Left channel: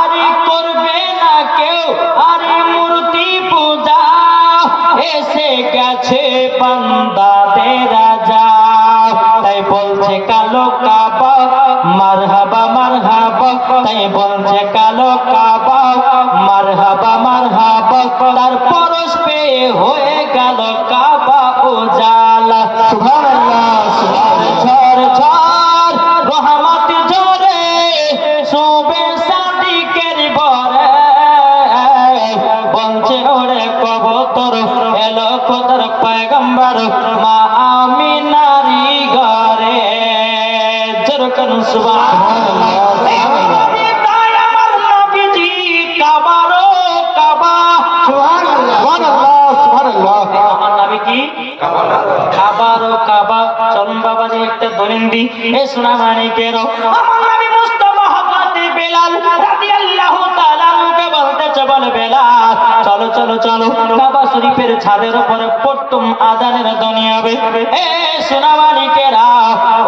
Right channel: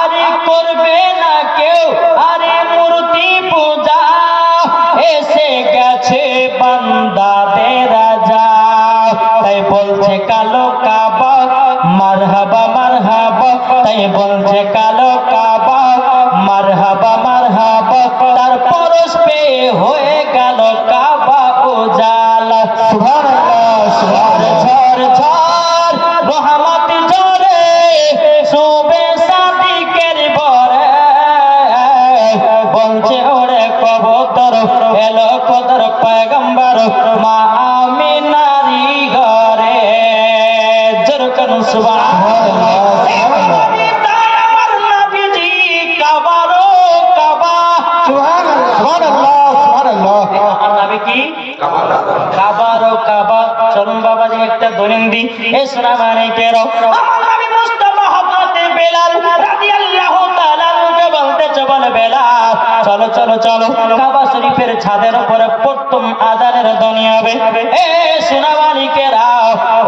আরে করবে না কেউ আরে মূর্তি পূজা, এসে গেছে বান্দাদের রাজা। তাই বলছে কালো কাবা মারহাবা মারহাবা, তাই বলছে কালো কাবা মারহাবা মারহাবা। তার পরশ পেয়ে হয়ে গেল কাবা উজালা। সুবহানাল্লাহ সুবহানাল্লাহ। ঝড় ঝড় রহমত ঝরে শোবে সাদিকের ঘরে, বলছে ওরে কবুতর এলো কদর পয়গম্বর মা আমিনারি ঘরে। জোরে করুন সুবহানাল্লাহ। চলুন বাবাজি একটা দলিন্দি এ সোনা মানিকেরও আমি মুস্তাফা হযরত বেলাল রাদিয়াল্লাহু তাআলা কে বলতেছে, বলে বেলাল চলো চলো চলো কাবা শরীফের ছাদের উপরে প্রথম আযানের ধ্বনি হবে। এ সোনা মানিকেরা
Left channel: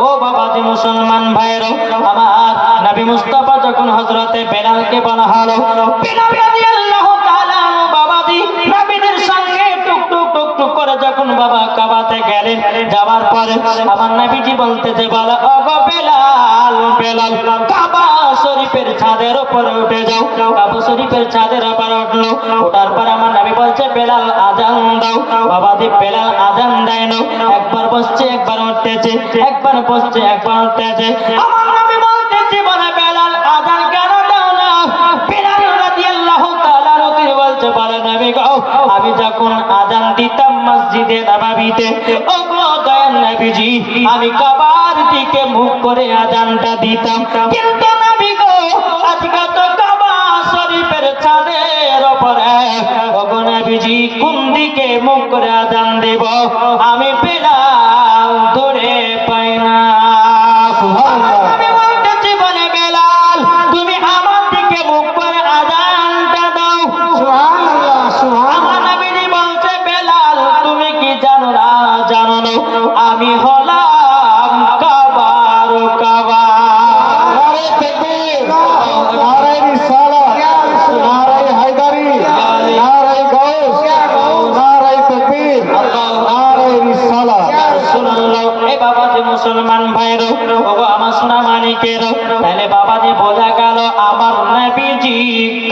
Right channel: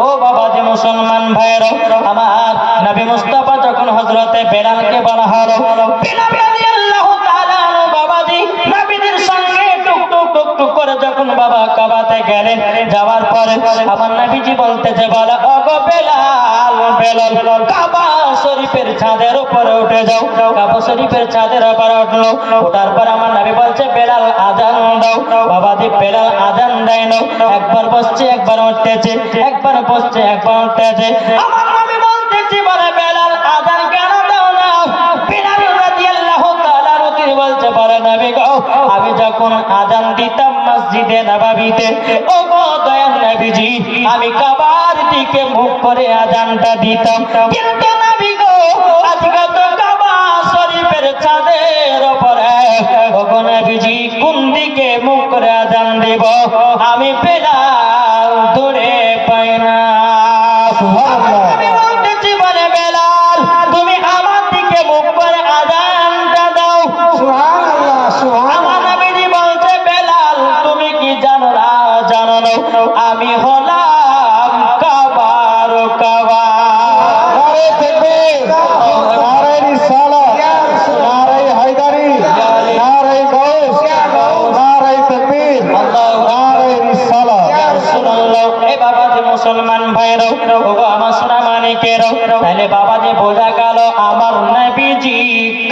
ও বাবাজি মুসলমান ভাইরা আমার, নবী মুস্তাফা যখন হযরত বেলালকে বলা হলো, বেলাল রাদিয়াল্লাহু তাআলা বাবাজি নবীদের সঙ্গে টুক করে যখন বাবা কাবাতে গেলেন, যাওয়ার পরে আমার নবীজি বলতেছে, বলা ওগো বেলাল বেলাল কাবা শরীফের ছাদের উপরে উঠে যাও। কাবা শরীফের ছাদের উপরে উঠলো, ওঠার পর আমার নবী বলছে, বেলাল আযান দাও। বাবাজি বেলাল আযান দেয় না, একবার বসছে একবার উঠতেছে, একবার বসছে একবার উঠতেছে। আমার নবী বলতেছে, বলে বেলাল আযান কেন দাও না? বেলাল রাদিয়াল্লাহু তাআলা বলছে, বলে নবী গো আমি যখন আযান দিতাম মসজিদে নববীতে, ও গো দয়াল নবীজি আমি কাবার দিকে মুখ করে আযানটা দিতাম, কিন্তু নবী গো আজকে তো কাবা শরীফের ছাদের উপরে, ও গো নবীজি কোন দিকে মুখ করে আযান দেব আমি বেলাল ধরে পাই না। সুবহানাল্লাহ। আমি বলতেছি, বলে বেলাল তুমি আমার দিকে মুখ করে আযানটা দাও। সুবহানাল্লাহ সুবহানাল্লাহ। নবীজি বলছে, বেলাল তুমি কি জানো না জানো না আমি হলাম কাবার কাবা। নারে তাকবীর, নারে রিসালাত, নারে হায়দারি, নারে গাউস, নারে তাকবীর, নারে রিসালাত। সুবহানাল্লাহ। এ বাবাজি মুসলমান ভাইরা ও আমার সোনা মানিকেরা, তাহলে বাবাজি বোঝা গেল আমার নবীজি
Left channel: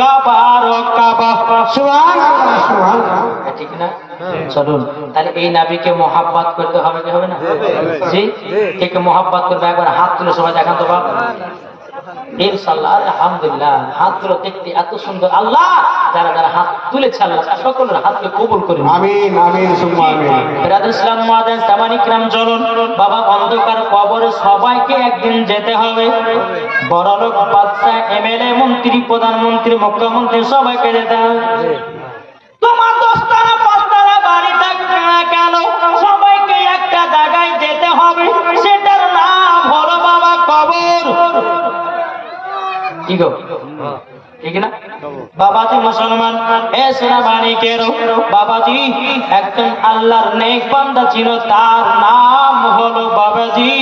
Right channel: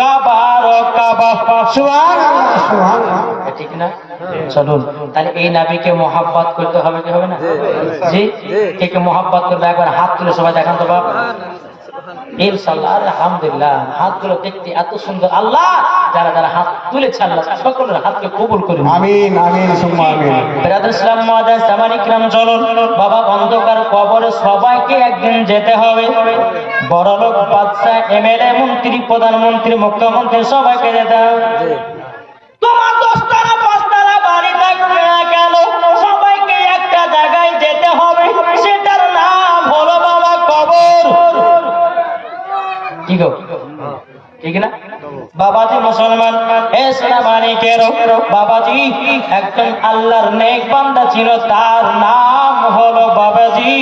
কাবার কাবা। সুবহানাল্লাহ সুবহানাল্লাহ। ঠিক না? চলুন তাহলে এই নবীকে মোহাব্বত করতে হবে কি হবে না? জি কে কে মোহাব্বত করবে একবার হাত তুলে সবাই দেখান তো বাবা। ইনশাআল্লাহ আলহামদুলিল্লাহ হাতগুলো দেখতে এত সুন্দর। আল্লাহ যারা যারা হাত তুলেছে আল্লাহ সকলের হাতকে কবুল করুন। আমিন আমিন সুবহান আমিন। বিরাদর ইসলাম মুআদ্দাস জামানি کرام চলুন বাবা, অন্ধকার কবরে সবাইকে একদিন যেতে হবে। বড়লোক বাদশা এমএলএ মন্ত্রী প্রধানমন্ত্রী মুখ্যমন্ত্রী সবাইকে যেতে হবে। তোমার দোস্তারা পাঁচতারা বাড়ি থাকবে না কেন সবাইকে একটা জায়গায় যেতে হবে, সেটার নাম হলো বাবা কবর। কি গো ঠিক না বাবাজি মুসলমান? এ সোনা মানিকেরও বাবাজি একজন আল্লাহর নেক বান্দা ছিল, তার নাম হলো বাবাজি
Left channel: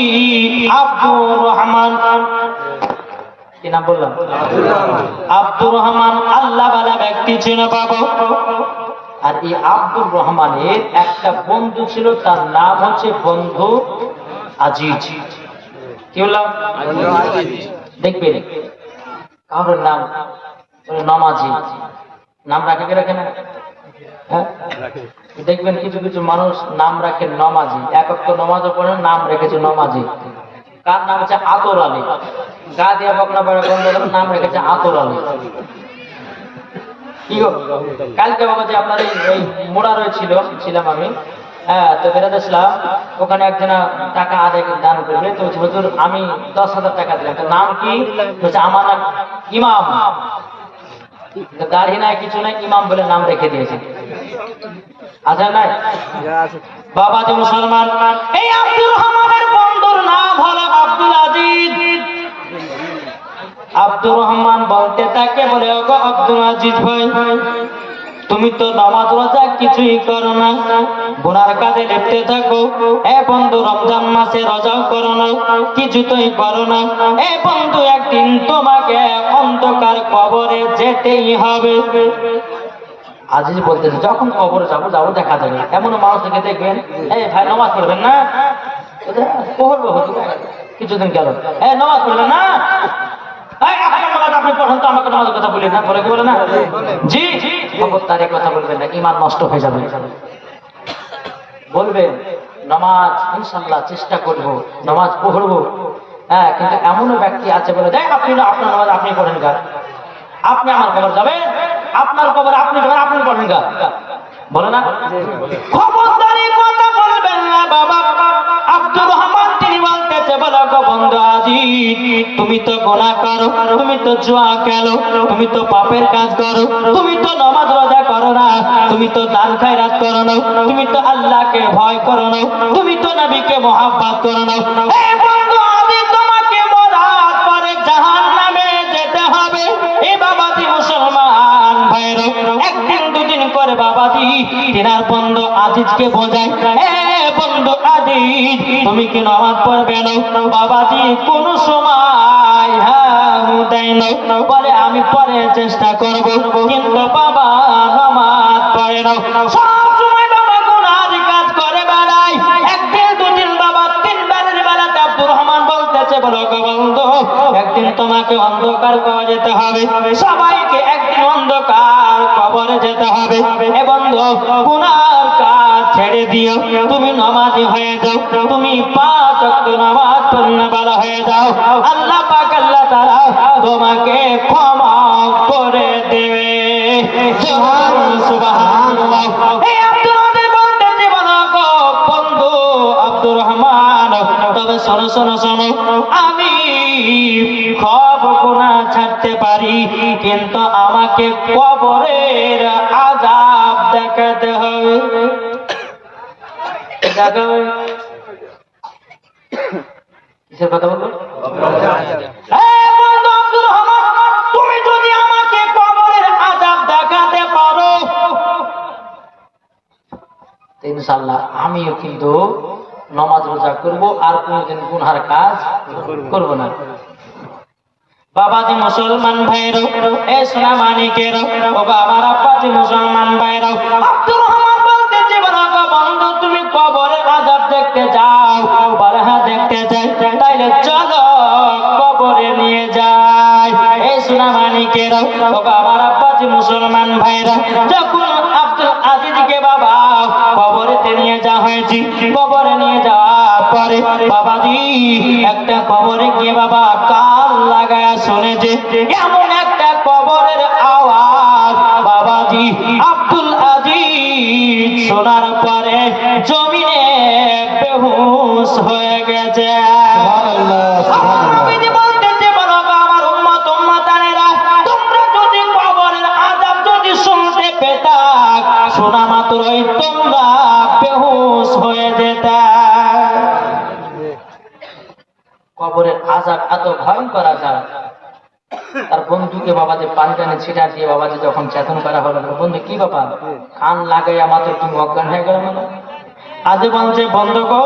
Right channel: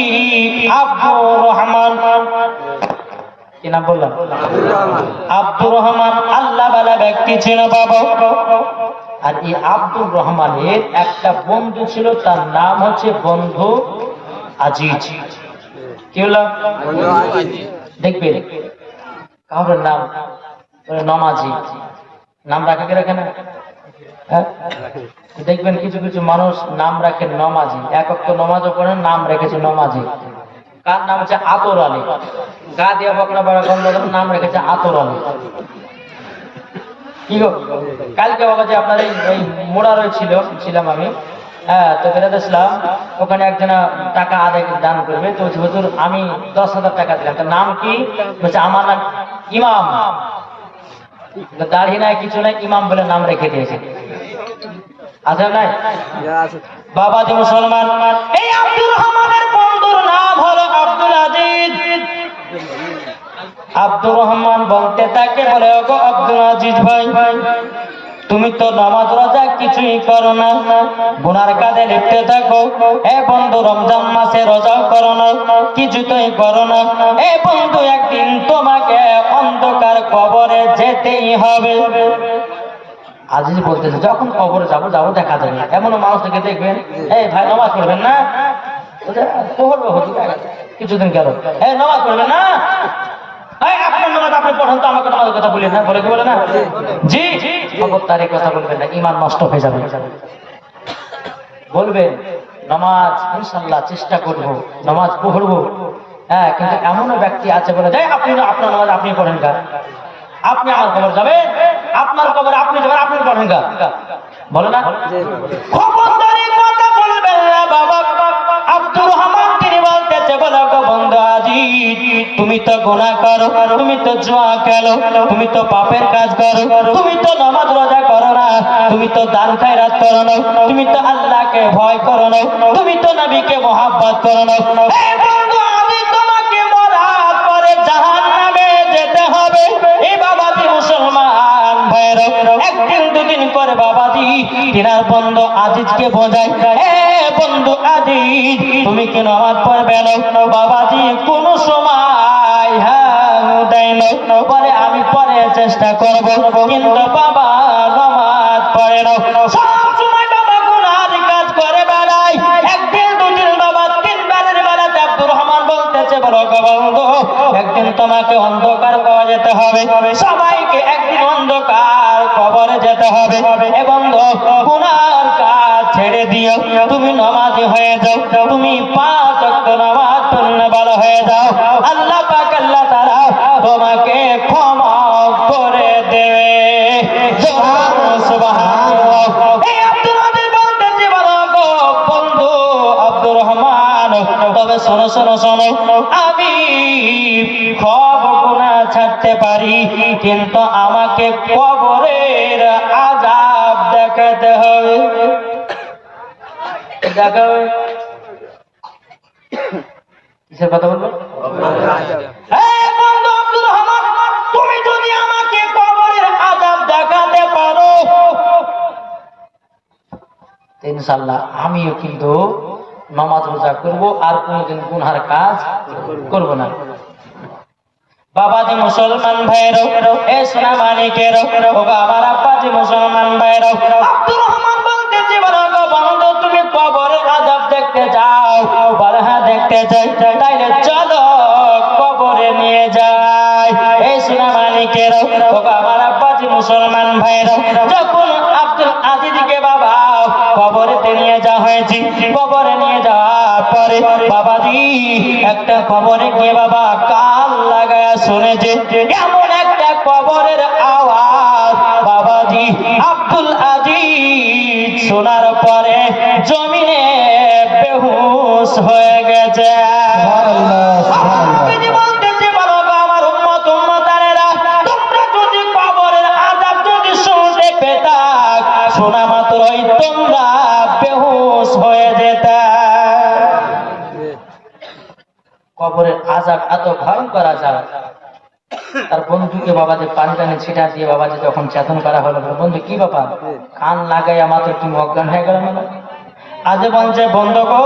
আব্দুর রহমান। কি নাম বললাম? আব্দুর রহমান আল্লাহ ওয়ালা ব্যক্তি ছিল বাবা। আর এই আব্দুর রহমানের একটা বন্ধু ছিল, তার নাম হচ্ছে বন্ধু আজিজ। কি বললাম? দেখবেন কারোর নাম নমাজি নাম রাখে কে রাখে না? দেখবেন কিছু কিছু মানুষ নাম রাখে নমাজি, এক একটা নমাজও পড়েন নাম রেখেছে নমাজি। কার নাম হচ্ছে আতর আলী, গা দিয়া বকনা বড় নাম রেখেছে আতর আলী। কি গো কালকে বাবা যে আপনার এই মোড়া ছিলাম আমি, হ্যাঁ তো বেরাদ ইসলাম ওখানে একজনা টাকা আদায় দান করবে, তো হুজুর আমি 10,000 টাকা দিলাম। তার নাম কি? বলছে আমার নাম ইমাম। দাড়ি নাই কিছু নাই, ইমাম বলে নাম রেখে দিয়েছে। আছে নাই বাবা যে মুসলমান? এই আব্দুর রহমানের বন্ধুর নাম হলো আব্দুল আজিজ। আব্দুর রহমান বলতে তাকে বলে ওগো আব্দুল আজিজ ভাই তুমি তো নামাজ রোজা কিছুই করো না, গুনার কাজে লিপ্ত থাকো। এ বন্ধু, রমজান মাসে রোজাও করো না, কিছুই করো না। এ বন্ধু, একদিন তোমাকে অন্ধকার কবরে যেতেই হবে। আজিজ বলতেছে, যখন কবরে যাবো যাবো দেখা যাবে। এমন মানুষকে দেখবেন, এই ভাই নামাজ পড়বেন না, কিছুদিন গেল, হ্যাঁ নামাজ পড়বেন না, আপনার নামাজ আপনি পড়েন তো, আমাকে নামাজের কথা বলেন না, বলে কি বলে না? জি, খবরদার এই কথা বলবেন না, ঈমান নষ্ট হয়ে যাবে। বলবেন নামাজ ইনশাআল্লাহ চেষ্টা করবো, নামাজ পড়বো। হ্যাঁ, কিন্তু এমন ব্যক্তি আছে বলে দেয়, আপনি আপনার নামাজ আপনি পড়েন গা, আপনি আমার কবর যাবে, আপনার কবর আপনি যাবেন, আপনি পড়েন গা, বলো না? খবরদার এই কথা বলবেন না বাবা। আব্দুর রহমান তিনি বলতেছে, বলো গো বন্ধু আজিজ, তুমি তো গুনাহ করো, তুমি তো জুয়া খেলো, তুমি তো পাপের কাজ করো, তুমি তো নামাজ রোজা করো না, তুমি তো দান খয়রাত করো না, তুমি তো আল্লাহকে ভয় করো না, তুমি তো নবীকে মহব্বত করো না। এই বন্ধু আজিজ, তোমাকে মরার পরে জাহান্নামে যেতে হবে। এই বাবাজি মুসলমান ভাইরা, একদিন দুদিন করে বাবাজি তিনার বন্ধু আজিজকে বোঝায়, এ বন্ধু আজিজ, তুমি কি নামাজ পড়বে না? বাবাজি কোন সময় দেয় না, বলে আমি পরে চেষ্টা করব, কিন্তু বাবা নামাজ পড়ে না, সব সময় বাবা গুনার কাজ করে বেড়ায়। একদিন দুদিন বাবা তিনবারের বেলাতে আব্দুর রহমান বলতেছে, বলো গো বন্ধু, একদিন তোমাকে অন্ধকার কবরে যেতে হবে, সবাইকে একদিন অন্ধকার কবরে যেতে হবে। এ বন্ধু, গুনার কাজ ছেড়ে দিও, তুমি নামাজি হয়ে যাও, তুমি 5 ওয়াক্ত নামাজ পড়নেওয়ালা হয়ে যাও, আল্লাহ পাক আল্লাহ তাআলা তোমাকে ক্ষমা করে দেবে। সুবহানাল্লাহ। এই আব্দুর রহমান বলতেছে, বলো গো বন্ধু আব্দুর রহমান, তবে শোনো শোনো শোনো, আমি সব গুনাহ ছাড়তে পারি, কিন্তু আমাকে কবরের আযাব দেখাতে হবে। দেখাবে কিসের কথা বলবো? এই বন্ধু আব্দুর রহমান, তুমি যদি আমাকে কবরের আযাব দেখাতে পারো, ইনশাআল্লাহ আমিও কিন্তু নামাজ রোজা করব, আর কোনদিন গুনার কাজ করব না। বাবাজি মুসলমান ভাইরা, এ সোনা মানিকের ও বাবার আব্বাজি মুসলমান ভাইরা, আব্দুর রহমান বলতেছে, বলো গো বন্ধু, তুমি কবরের আযাব দেখতে যাও? বলে হ্যাঁ দেখতে যাই। তাইলে চলো কবরে নিয়ে যাই। এই সোনা মানিকের ও বাবার আব্বাজি মুসলমান ভাইরা, যখন আব্দুল আজিজকে বাবা কবরেতে নিয়ে যাওয়া হয়েছে, কবরে নিয়ে যাওয়ার পরে বাবাজি একটা কবরে গিয়ে বাবা কান লাগায় শুনেছে এমন একটা কবরের আওয়াজ। বাবাজি আব্দুল আজিজ শোনার পরে জমিনে বেহুশ হয়ে গেছে। শোনা মাত্রই তোমরা বেহুশ হয়ে যেতা। কবরের আযাব এত ভয়ঙ্কর আযাব। তার বন্ধুকে বাবা যে পানি টানে ছিটা দিয়ে বাবা যে যখন চেতন করা হলো, বন্ধু কি বাবা কান লাগাইয়া মাত্র তুমি অজ্ঞান হয়ে গেল না? আজ বলছে বন্ধু গো,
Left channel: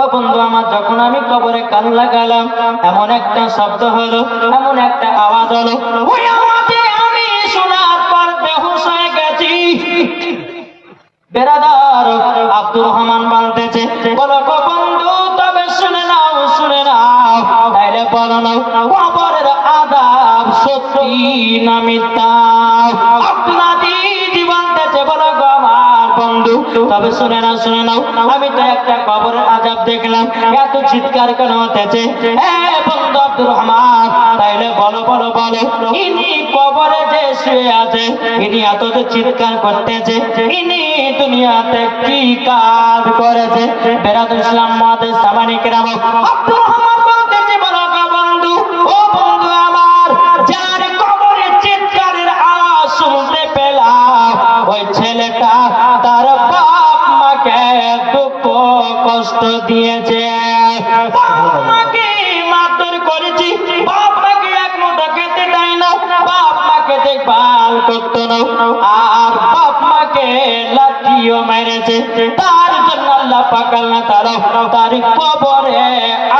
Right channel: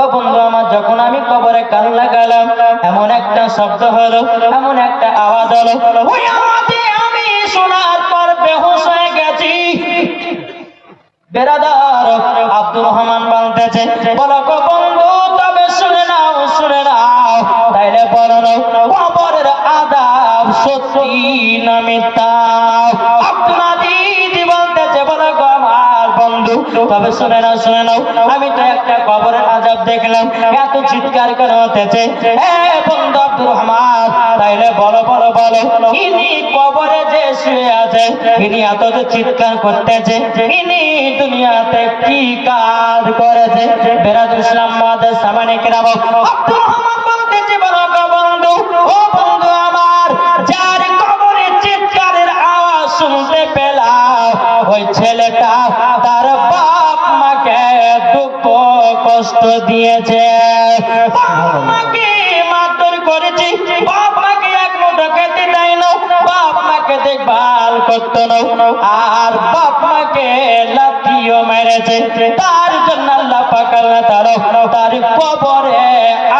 ও বন্ধু আমার, যখন আমি কবরে কান লাগালাম এমন একটা শব্দ হলো, এমন একটা আওয়াজ হলো, ওই আওয়াজে আমি শোনার পর বেহুশ হয়ে গেছি। বেরাদার আব্দুর রহমান বলতেছে, বলো গো বন্ধু, তবে শুনে নাও শুনে নাও, তাইলে বলো না কবরের আযাব সত্যি না মিথ্যা? আব্দুল আজিজ বলতেছে, বলো গো আমার বন্ধু, তবে শুনে নাও শুনে নাও, আমি তো একটা কবরের আযাব দেখলাম, এত চিৎকার করে হতেছে। বন্ধু আব্দুর রহমান, তাইলে বলো বলো বলো, ইনি কবরে যে শুয়ে আছে, ইনি এত যে চিৎকার করতেছে, ইনি দুনিয়াতে কি কাজ করেছে? বেরাদুল ইসলাম মুআদ্দাস সামানে কেরাম, আব্দুর রহমান বলতেছে, বলো গো বন্ধু, ও বন্ধু আমার, যার কবরে চিৎকারের আওয়াজ শুনতে পেলাম, ওই ছেলেটা তার বাপ মাকে দুঃখ কষ্ট দিয়েছে, বাপ মাকে মারধর করেছে, বাপ মাকে এক মুঠো খেতে দেয় না, বাপ মাকে মাকে দেখভাল করতো না, আর বাপ মাকে লাঠিও মেরেছে, তার জন্য আল্লাহ পাক আল্লাহ তাআলা তার কবরে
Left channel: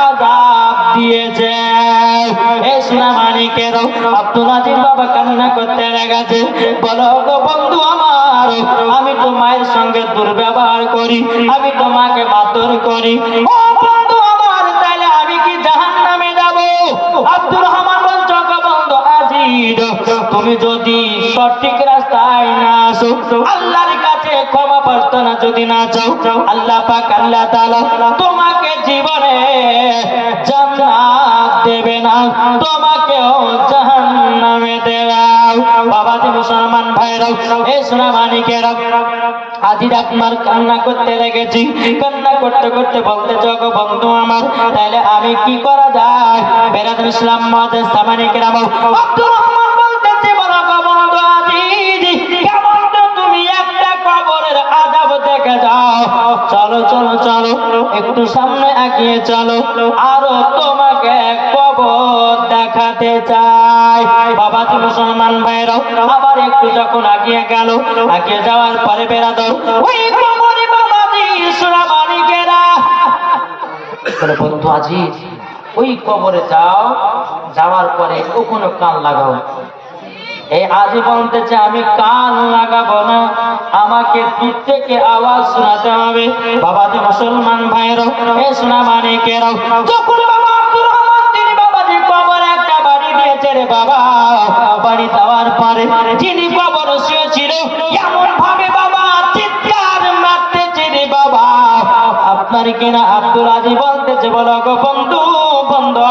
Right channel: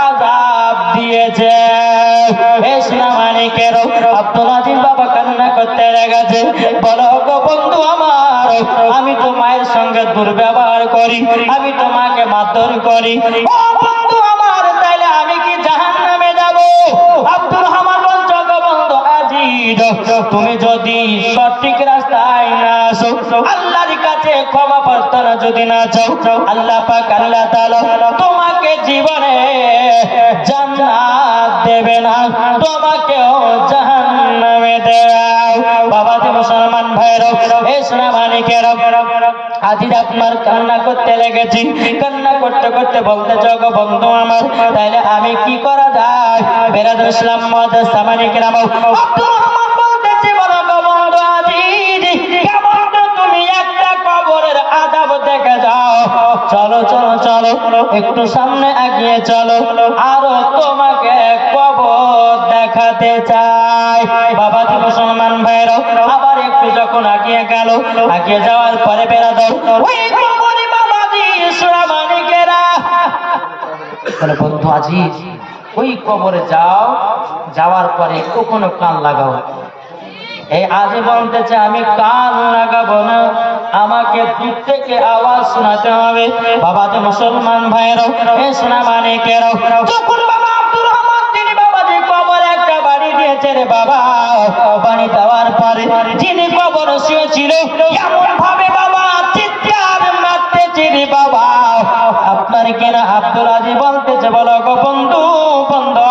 আযাব দিয়েছে। এই সোনা মানিকের আব্দুল আজিজ বাবা কান্না করতে লেগেছে, বলো গো বন্ধু আমার, আমি তো মায়ের সঙ্গে দুর্ব্যবহার করি, আমি তোমাকে মারধর করি, ও বন্ধু আমার, তাইলে আমি কি জাহান্নামে যাব? আব্দুল রহমান বলছো গো বন্ধু আজিজ, তুমি যদি সঠিক রাস্তায় না আসো, আল্লাহর কাছে ক্ষমা প্রার্থনা যদি না চাও, আল্লাহ পাক আল্লাহ তাআলা তোমাকে জীবনে জান্নাত দেবে না, তোমাকেও জাহান্নামে দেবে। বাবাজি মুসলমান ভাইরা, এই সোনা মানিকেরা, আজিজ আপনার কান্না করতে লেগেছি, কান্না করতে করতে বলতে গো বন্ধু আমার, তাইলে আমি কি করা যায়? বেরাদুল ইসলাম মুআজ্জাজ সামানি কেরাম আব্দুর রহমান বলতেছি, বলো গো বন্ধু আজিজ, কেমন তুমি একটা কবরের আযাব দেখে যাও, চলো চলো চলো একটু সামনে এগিয়ে চলো, আরো তোমাকে কবর দেখাতে চাই। বাবাজি মুসলমান ভাইরা, আবার একটু যখন এগিয়ে গেল, এগিয়ে যাওয়ার পরে বেরাদুল ওই কবরে বাবাজি সোনা মানিকেরা বলে, বন্ধু আজিজ ওই কবরে যাও, যাওয়ার পরে কখনো কান লাগাও। এই আজি বলতেছে আমি কান লাগাবো না, আমাকে দিক থেকে আওয়াজ শোনাতে হবে। বাবাজি মুসলমান ভাইরা, এ সোনা মানিকেরা, যখন বাবা আব্দুর রহমান তিনি বাবাজি কবরে একটা বাড়ি দিয়েছে রে বাবা, বাড়ি দেওয়ার পরে যিনি কবর শুয়েছিল এমন ভাবে বাবা চিৎকার মারতেছে রে বাবা, আপনার কিনা আব্দুল আজিজ বলতেছে, বলো গো বন্ধু বন্ধু,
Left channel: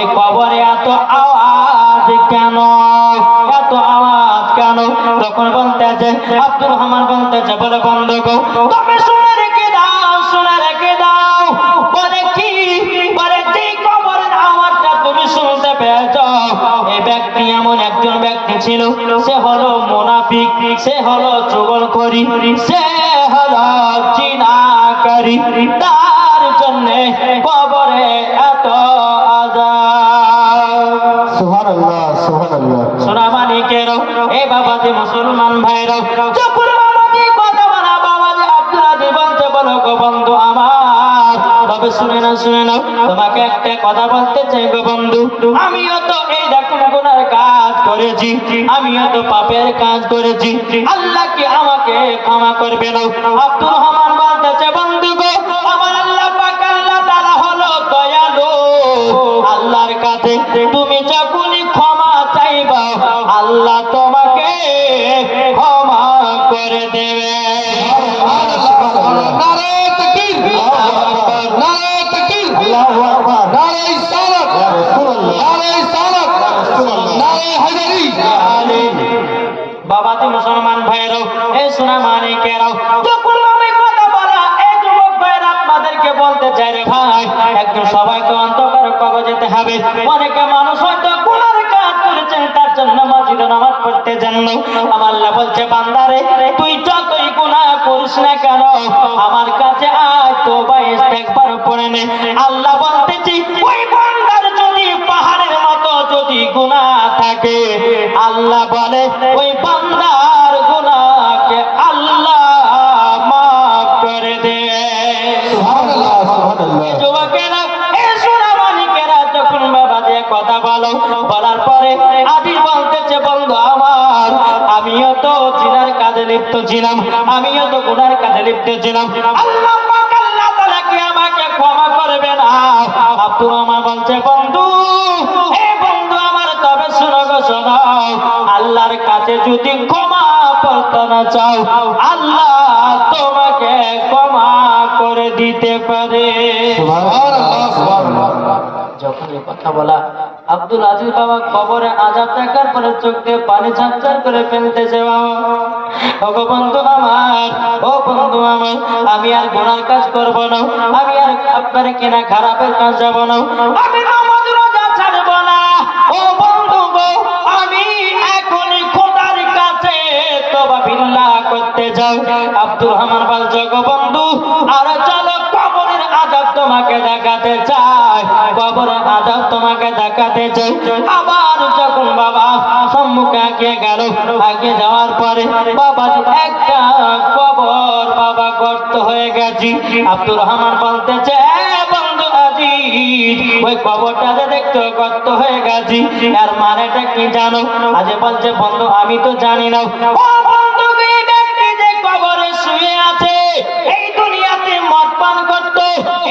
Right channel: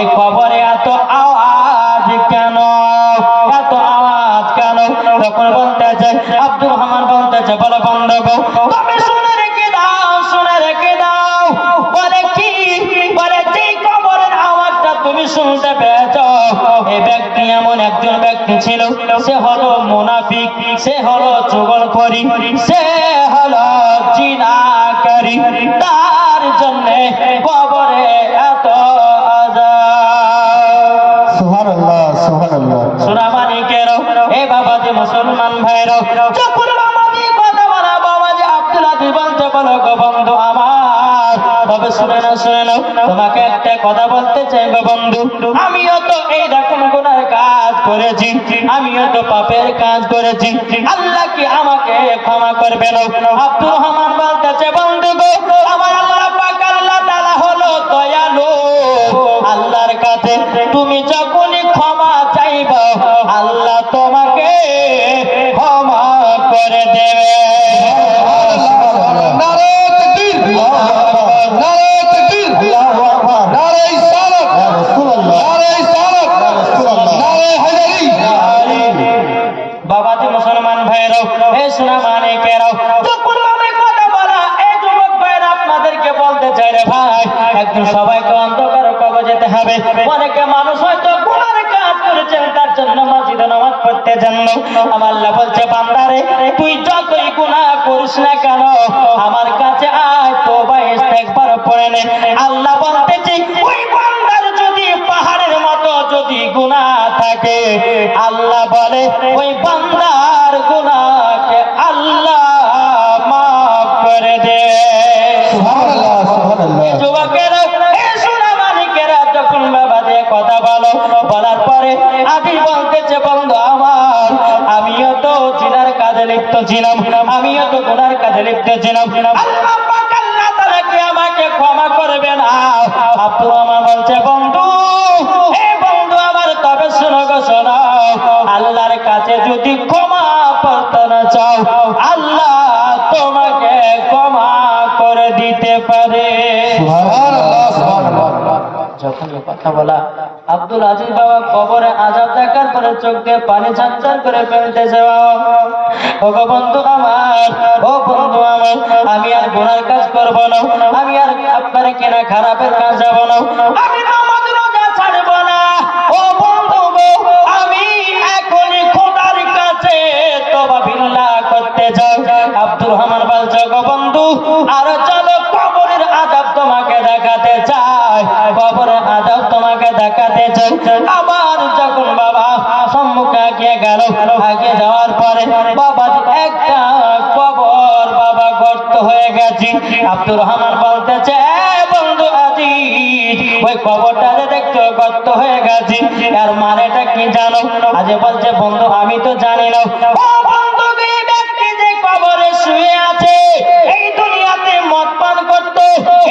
এই কবরে এত আওয়াজ কেন, এত আওয়াজ কেন? তখন বলতেছে আব্দুল রহমান বলতেছে, বলো বন্ধু গো, তুমি শুনে রেখে দাও, শুনে রেখে দাও, বলে কি, বলে যে কবরের আওয়াজটা তুমি শুনতে পেয়েছো, এই ব্যক্তি এমন একজন ব্যক্তি ছিল, সে হলো মুনাফিক, সে হলো চুগলখড়ি, সে হলো জিনাকারী, তার জন্য কবরে এত আযাব। সুবহানাল্লাহ সুবহানাল্লাহ। সোনা মানিকের এই বাবাজি মুসলমান ভাইরা, যখন বাবাজি কথা বলা, বাবাজি আব্দুল আজিজ বলতে, বলো গো বন্ধু আমার, তবে শুনে না, শুনে না, তোমাকে একটা কথা বলতে চাই গো বন্ধু, আমিও তো এই রকম গুনার কাজ করেছি, আমিও তো পাপের কাজ করেছি, আল্লাহ কি আমাকে ক্ষমা করবে না? আব্দুল রহমান বলতেছে, বন্ধু গো, আমার আল্লাহ পাক আল্লাহ তাআলা হলো দয়ালু, আল্লাহর কাছে তুমি যখনই ক্ষমা চাইবা, আল্লাহ তোমাকে ক্ষমা করে দেবে। নারে তাকবীর, নারে তাকবীর, নারে ইসলাম, নারে ইসলাম, নারে হায়দারি। বাবাজি মুসলমান ভাইরা, এ সোনা মানিকেরা, যখন আমি কথা বলা, এই যুবক ভাইরা আপনাদেরকে বলতে চাই রে ভাই, একদিন সবাইকে অন্ধকার কবরে যেতে হবে। অনেকে মানুষ হয়তো গুনার কাজ করেছেন, তার জন্য মসজিদে নামাজ পড়তে যান না। আমার আল্লাহ বলছে, বান্দারে তুই যতই গুনাহ করিস না কেন, আমার কাছে আয়, তওবা ইস্তেগফার পড়ে নে। আল্লাহ বলতেছে, ওই বান্দার যদি পাহাড়ের মতো যদি গুনাহ থাকে, আল্লাহ বলে ওই বান্দার গুনাহকে আল্লাহ মাফ করে দেবে। সুবহানাল্লাহ সুবহানাল্লাহ। যুবকেরা, এ সোনা মানিকেরা, যখন বাবা দিয়ে কথা বলো, বলার পরে আমি বলতেছে, বন্ধু আমার, আমিও তো জিনার কাজে লিপ্ত ছিলাম, আমিও তো গুনার কাজে লিপ্ত ছিলাম, আল্লাহ পাক আল্লাহ তাআলা কি আমাকে ক্ষমা করবে না? আব্দুর রহমান বলছে, বন্ধু, এ বন্ধু আমার, তবে শোনো গো শোনো, আল্লাহর কাছে যদি ক্ষমা প্রার্থনা চাও, আল্লাহ তোমাকে ক্ষমা করে দিতে পারে। সুবহানাল্লাহ সুবহানাল্লাহ। যখন এই কথা বলা, আব্দুল আজিজ বাবা কবরে আযাব দেখার পরে চোখ দিয়ে পানি ঝরঝর করে ফেলতে যাওয়া, ও গো বন্ধু আমার, ও বন্ধু আমার, আমি আর গুনার কাজ করব না, আমি আর আপনার কিনা খারাপের কাজ যাব না, আমি নামাজ রোজা ছাড়ব না, ও বন্ধু গো, আমি এখন খোদার কাছে তওবা বিল্লাহ করতে যাও। আব্দুর রহমান বলছে, গো বন্ধু, আর চলো কবরের আযাব তোমাকে দেখাতে চাই, কবরের আযাব তোমাকে দেখাতে চাই। আবার যখন বাবা সম্মুখে আগিয়ে গেল। আগে যাওয়ার পরে বাবাজি একটা কবর বাবা গর্ত হয়ে গেছে। আব্দুর রহমান বলতেছে, বন্ধু আজিজ, ওই কবরটারে দেখতে গর্ত হয়ে গেছে, এর মানেটা কি জানো? আজ বলছে, বন্ধু আমি তো জানি না। ও বন্ধু, এই ব্যক্তি যে কবরে শুয়ে আছে, এই দুনিয়াতে মদ পান করতো,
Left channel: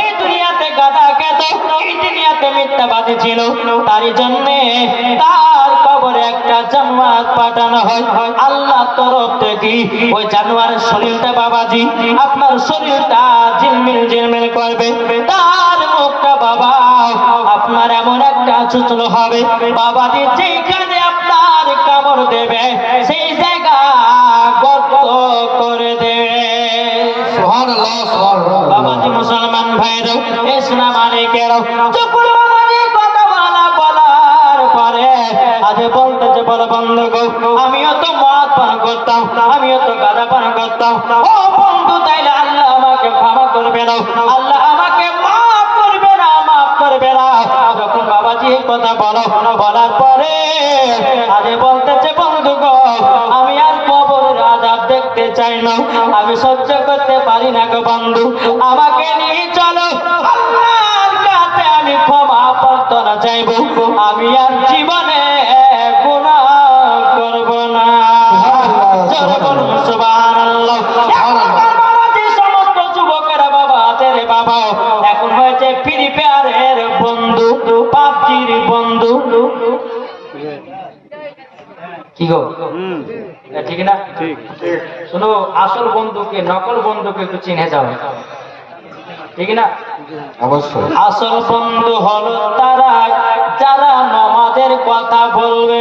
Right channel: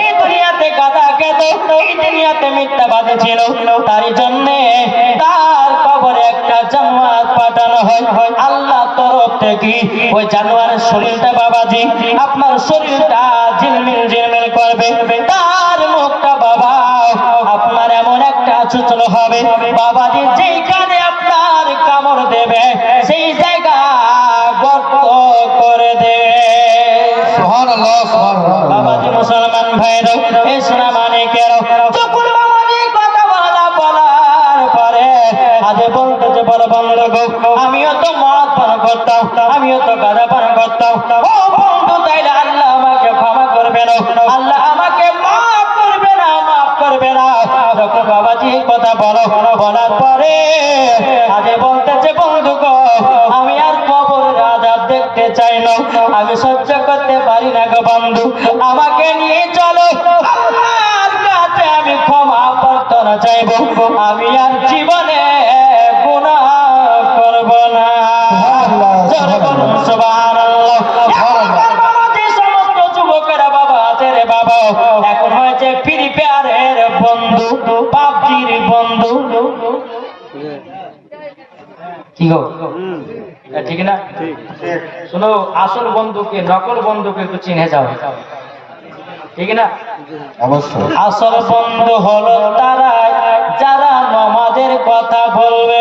এই দুনিয়াতে গাঁজা খেত, এই দুনিয়াতে মিথ্যাবাদী ছিল, তারই জন্যে তার কবরে একটা জান্নাত পাঠানো হয় আল্লাহ তরফ থেকে। ওই জানোয়ারের শরীরটা বাবাজি, আপনার শরীরটা ঝিলমিল ঝিলমিল করবে, তার মুখটা বাবা আপনার এমন একটা সূচল হবে বাবাজি, যেখানে আপনার কামড় দেবে সেই জায়গা গর্ত করে দেবে। সুবহানাল্লাহ, সুবহানাল্লাহ। বাবাজি মুসলমান ভাইরা, ইসলাম আলাইকেরা, যখন বাবাজি কথা বলার পরে আজ বলতেছে, বল বন্ধু গো, আমিও তো মদ পান করতাম, আমিও তো গাঁজা পান করতাম। ও বন্ধু, তাইলে আল্লাহ আমাকে ক্ষমা করবে না, আল্লাহ আমাকে মাফ করবে না, মাফ করবে না। যখন বাবাজি এই কথা বলার পরে আজ বলতেছে, বন্ধু গো, আমি আর কবরের আযাব দেখতে চাই না, আমি সহ্য করতে পারি না গো বন্ধু, আমাকে নিয়ে চলো, আল্লাহর কাছে আমি ক্ষমা প্রার্থনা চাইব, আমি আর জীবনে গুনাহ করব না। জোরে বলুন সুবহানাল্লাহ। বাবাজি, সমস্ত যুবকেরা বাবা আছে রে বাবা, এখন হয়েছে ফ্রি ফায়ারের বন্ধু, পাবজির বন্ধু। কি গো, ঠিক না? শোনো, আসল বন্ধুকে নকল বন্ধুকে একটু চিনে যাও, ঠিক না? অবশ্যই। আসল বন্ধু হলো তারা যারা নামাজের কথা বলবে,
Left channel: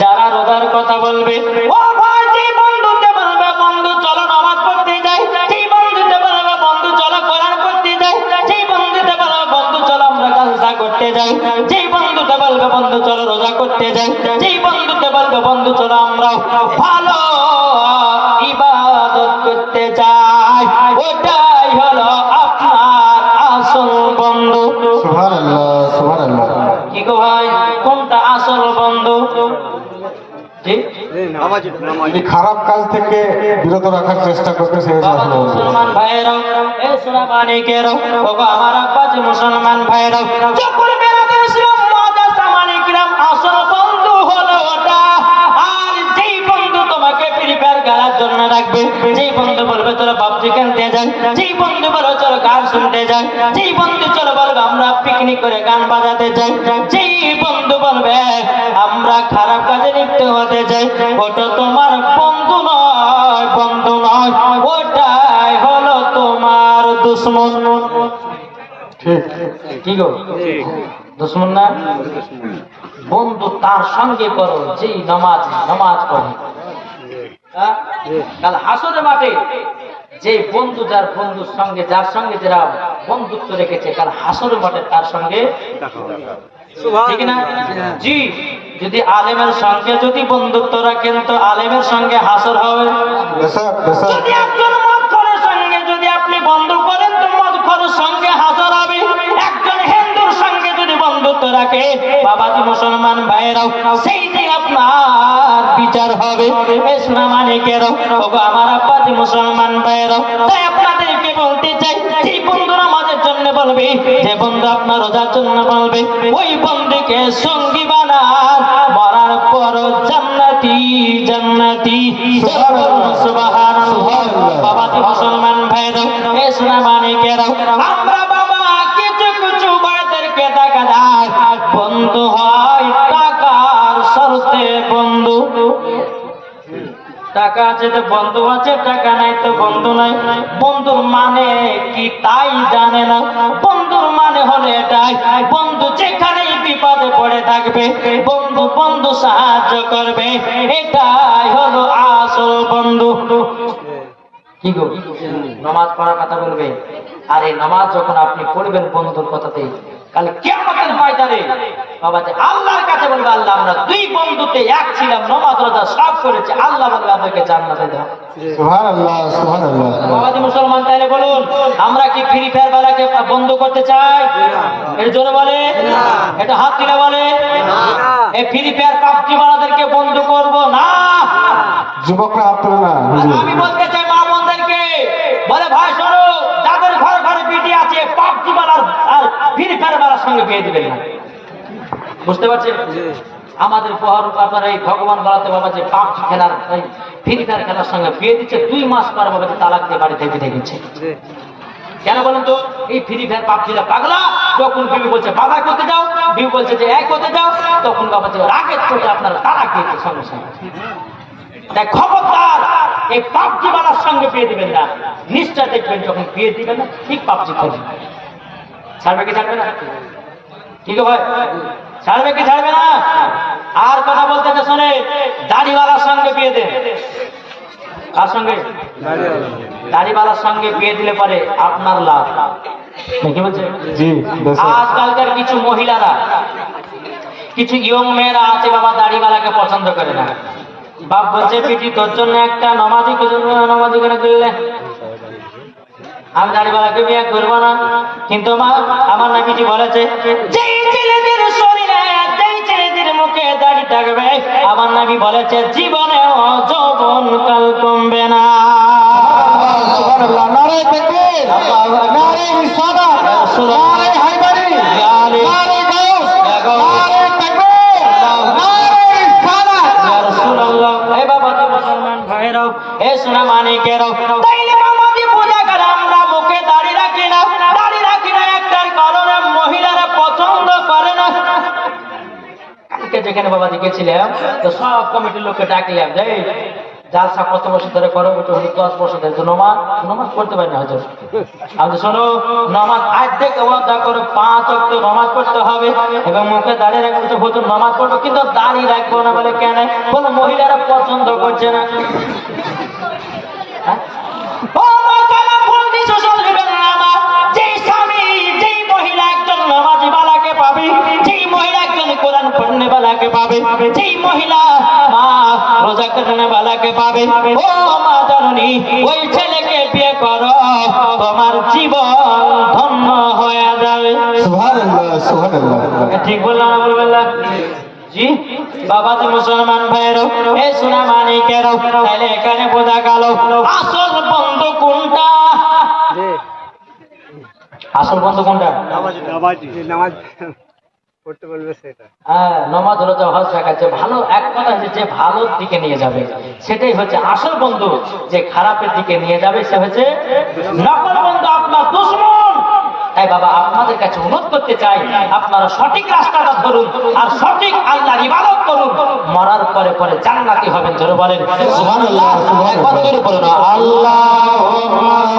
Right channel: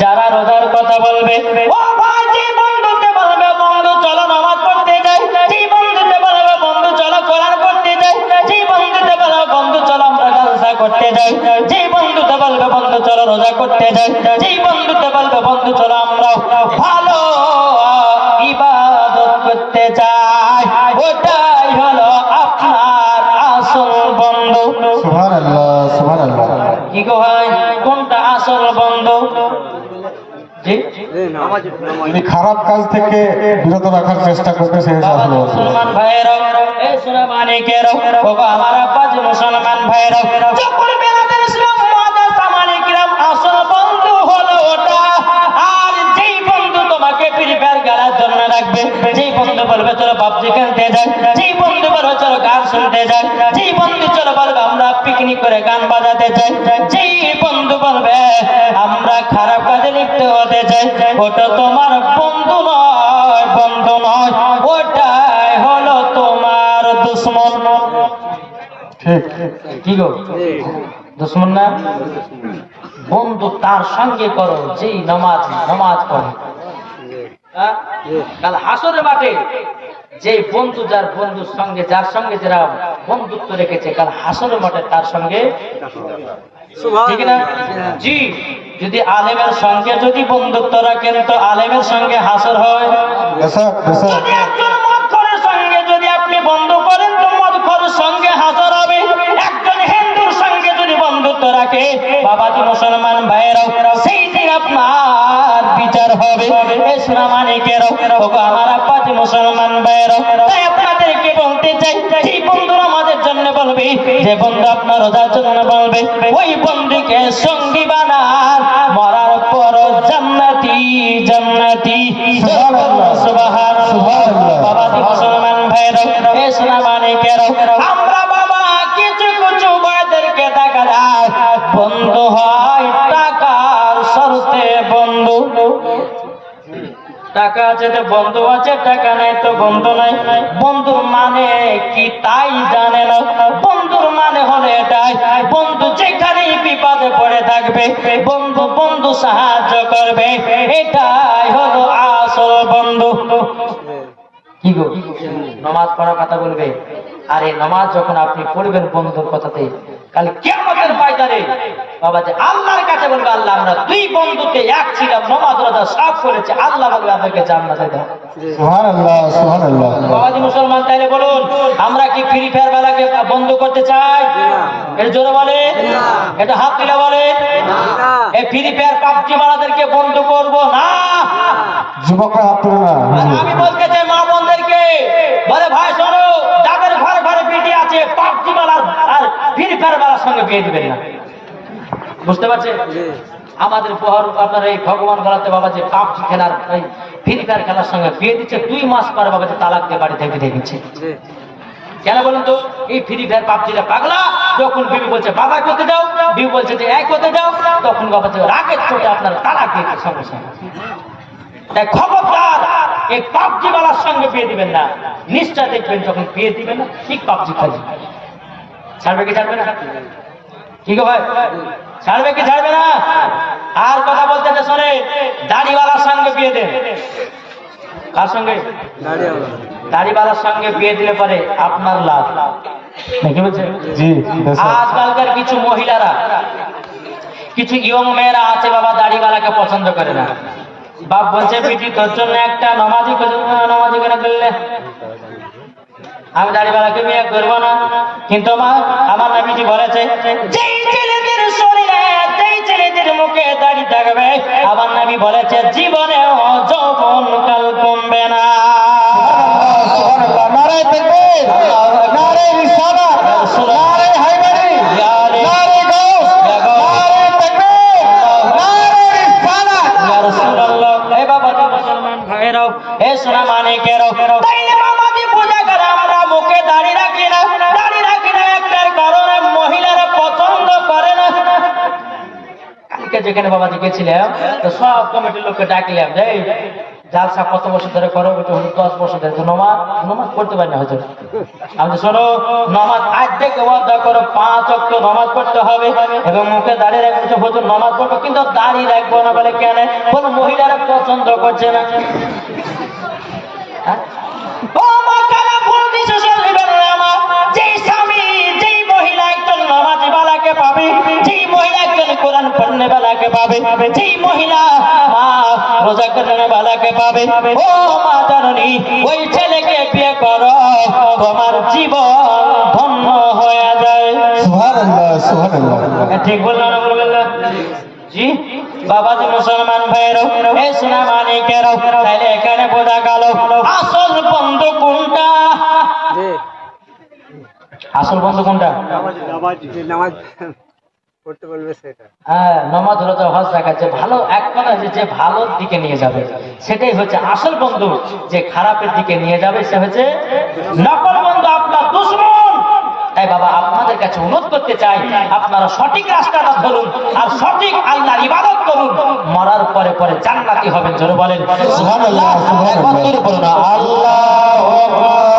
যারা রোজার কথা বলবে। ও ভাই, যে বন্ধুতে বলবে বন্ধু চলো নামাজ পড়তে যাই, যে বন্ধুতে বলবে বন্ধু চলো কোরআন পড়তে যাই, যে বন্ধুতে বলবে বন্ধু চলো আমরা জলসা করতে যাই, যে বন্ধুতে বলবে বন্ধু চলো রোজা করতে যাই, যে বন্ধুতে বলবে বন্ধু চলো আমরা ভালো ইবাদত করতে যাই, ওটাই হলো আপনার আসল বন্ধু। সুবহানাল্লাহ, সুবহানাল্লাহ। কি গো ভাই, কোনটা আসল বন্ধু? জি, যদি খারাপ কাজ থেকে বিরত রাখার চেষ্টা করবে সেই আসল বন্ধু। মুসলমান ভাইয়েরা, এই সোনা মানিকেরা, ওগো আমার আব্বাজি মুসলমান ভাইয়েরা, যখন বেলাতে ইসলাম মাদার সামালিকরাম, আসল বন্ধু হলো ওটা। আর যেই বন্ধু তোমাকে ফ্রি ফায়ার খেলার জন্য রাখবে, যেই বন্ধু বলবে চলো পাবজি খেলতে যাই, যেই বন্ধু বলবে চলো গান শুনতে যাই, যেই বন্ধু চলো বলবে আমরা পিকনিক করে গান বাজাতে যাই, যেই বন্ধু বলবে আমরা খারাপ কাজে লিপ্ত হতে চাই, ওটা তোমার বন্ধু নয়, বন্ধু নয়, ওটাই হলো তোমার দুশ্মন। ঠিক। কি গো, দুশ্মন না? বন্ধু তার সঙ্গে করো যেই নামাজ পড়ে। হ্যাঁ? কাল হাসরের মাঠে যে বন্ধু যার বন্ধুর সঙ্গে, যার সঙ্গে যারা বন্ধুত্ব রেখেছে, কাল হাসরের মাঠে তার সঙ্গে, ঠিক না? জি, যদি আলেমের সঙ্গে যদি বন্ধুত্ব রাখেন তো আলেমের সঙ্গে হাসর হবে। যদি একজন মদখোরের সঙ্গে যদি আপনি বন্ধু করেন তো মদখোরের সঙ্গে হাসর হবে। একজন হিন্দুর সঙ্গে যদি বন্ধুত্ব রাখে বাবাজি মুসলমান ভাইয়েরাও, সেই দিন আপনার বিচার হবে। ইসলাম মানিকেরাও, ওগো আমার আব্বাজি মুসলমান ভাইয়েরাও, তাই আপনাদেরকে বলতে চাই, যে বন্ধু আমাদের জন্য বলবে, যে বন্ধু আপনার রোজার জন্য বলবে, ওই বন্ধুকে সঙ্গী বানান, মরার পর জান্নাতি জান্নাতি। সুবহানাল্লাহ। বাবাজি মুসলমান ভাইয়েরা, ইসলাম মানিকেরাও, আমরা বাবা কিছু কিছু ভাইদেরকে দেখা যায় বন্ধু হয় টাকার শর্তে বন্ধু। টাকা আছে তো বন্ধু আছে, টাকা নাই তো বন্ধু নাই। বন্ধুর মানে কি তাই জানে না। বন্ধুর মানে হলো এটাই, বন্ধু যেখানেই বিপদে পড়ে থাকবে বন্ধু বন্ধু সাহায্য করবে, এটাই হলো আসল বন্ধু। কি গো, নামাজ পড়ার কথা বলবে, আর এই নামাজ যখন আপনি পড়বেন বন্ধুর কথাতে, কাল কিয়ামতের ময়দানে বাবা যে আল্লাহর কাছে বলবে, আল্লাহ আমরা দুই বন্ধু নবীতে এক ছিলাম, নামাজ রোজা সব করেছে, আল্লাহ বলে আমাদেরকে জান্নাতে দেয়। সুবহানাল্লাহ সুবহানাল্লাহ। বাবাজি মুসলমান, তাইলে বলুন আমরা কি ফ্রি ফায়ার বেলাকে বন্ধ করতে চাই? এর জন্য বলে এটা হাত দিলে বলে এই ফ্রি ফায়ার পাবজি বালাদেরকে বন্ধ করব না। যুবকরা হাত তুলে না। আমি বলতে চাই মা বোনদেরকে, বলে ভাই শোনো, যাদের ঘরে ঘরে বেটি আছে পাবজি বালার আর ফ্রি ফায়ার বালার সঙ্গে বিয়ে দিবেন না। বুঝতে পারছেন? আমাদের আপনার এই ভগবান বলাতে বাবা যে পাবজি খেলার ওই ফ্রি ফায়ার খেলার সঙ্গে বিয়ে দিচ্ছে, 2 মাস পরে বাবা যে তালাক দিয়ে বাড়ি থেকে দিচ্ছে। কেন বলুন তো? এই ফ্রি ফায়ার পাবজিটা পাগলা, যখন বিবি বলছে বাবা করতে যাও, বিবি বলছে যে এক করতে যাও, তখন বাবা যে রাগের চোটে আপনারা তালাক দিতে সঙ্গে সঙ্গে। তাই খবরদার এই পাবজি বালার সঙ্গে বিয়ে দিবেন না। নিশ্চয় দেখবেন যখন বিয়ে দিবেন না ঠিক পাবজি খেলবে। ছাড়বে কি ছাড়বে না? ঠিক হয়? ছাড়বে কি ছাড়বে না? আর কথা বলতে শুনে দাড়িওয়ালার সঙ্গে বিয়ে দেন। তার সঙ্গে দাড়িওয়ালার সঙ্গে বিয়ে দিলে পরে আপনার লাভ। কি বলছেন? জি বেশ। আজকালকার কিছু মহিলারা, কিছু ইয়ং মেয়েরা আছে বাবা দাড়িওয়ালাকে পছন্দ করে না। বাপ বলছে পিটি তোর জন্য একটা নামাজি নামাজি করে ফেললে, আমি দাড়িওয়ালাকে বিয়ে করবো না। কিন্তু মা, আমার নবীজি বলেছে যেই ছেলেদের শরীরে, যেই ছেলেদের মুখে দাড়ি থাকবে, আমার নবী বলেছে জীবনে যৌবন কাল কমবে না। সুবহানাল্লাহ। নারে তাকবীর, নারে রিসালাত, নারে হায়দারি, নারে গাউস, নারে তাকবীর, নারে রিসালাত। ইয়া রাসূলুল্লাহ। এই বাবা তো মুসলমান ভাইরাও, এই সোনা মানিকেরাও, তাইলে বাবাজি পূজা করে আমরা মুখে দাড়ি রাখি না। দাড়ি রাখি না একটার কারণে মহিলারা পছন্দ করে না। কালকে যেখানে বাবাজি গেছিলাম, তো সব কমিটির লোককে ডাকলাম, এই জালসা কত বছর ধরে করো? 10 বছর ধরে। নামাজ পড়তে পারি না হুজুর। আমি শোনো, নামাজ আজ থেকে ওয়াদা করো 5 ওয়াক্ত নামাজ পড়তে হবে এবং মুখে দাড়ি রাখতে হুজুর নামাজ পড়ো, কিন্তু দাড়ি রাখবো না। বলে কেন? কোন মহিলারা পছন্দ করছে না। হ্যাঁ? ও মা, কেন ভুল decision নেবেন না মা? যেই স্বামী, যেই মহিলা একজন নামাজি বালাকে পাবে, যেই মহিলা একজন কোরআন পড়নে বালাকে পাবে, যেই মহিলা মা রোজা করনে বালাকে পাবে, ও মা জননী, ওই ছেলেকে বিয়ে করো, তোমার জীবন ধন্য হয়ে যাবে। সুবহানাল্লাহ সুবহানাল্লাহ। ঠিক বললাম না বলবেন না? জি বাবা তো মুসলমান ভাইয়ের, এই সোনা মানিকের, তাইলে এখানে বোঝা গেল আসল বন্ধু কোনটা? আসল বন্ধু কোনটা? নামাজ পড়তে বলবে সেটা। হ্যাঁ, নামাজ রোজা হজ যাকাত, যে ভালো এক কথা যে ভালোর দিকে নিয়ে যাবে সেটাই হচ্ছে আসল বন্ধু। যে খারাপের দিকে নিয়ে যাবে সে হচ্ছে নকল বন্ধু, আপনার দুশমন। তাই বাবা আপনাদের কাছে অনুরোধ করতে চাই, আপনারা সঠিক রাস্তাটা ধরুন আর সঠিক আল্লাহর ইবাদত করুন। মরার পরে পরে জান্নাতি হবেন। জোরে বলেন সুবহানাল্লাহ সুবহানাল্লাহ। আল্লাহু আকবার।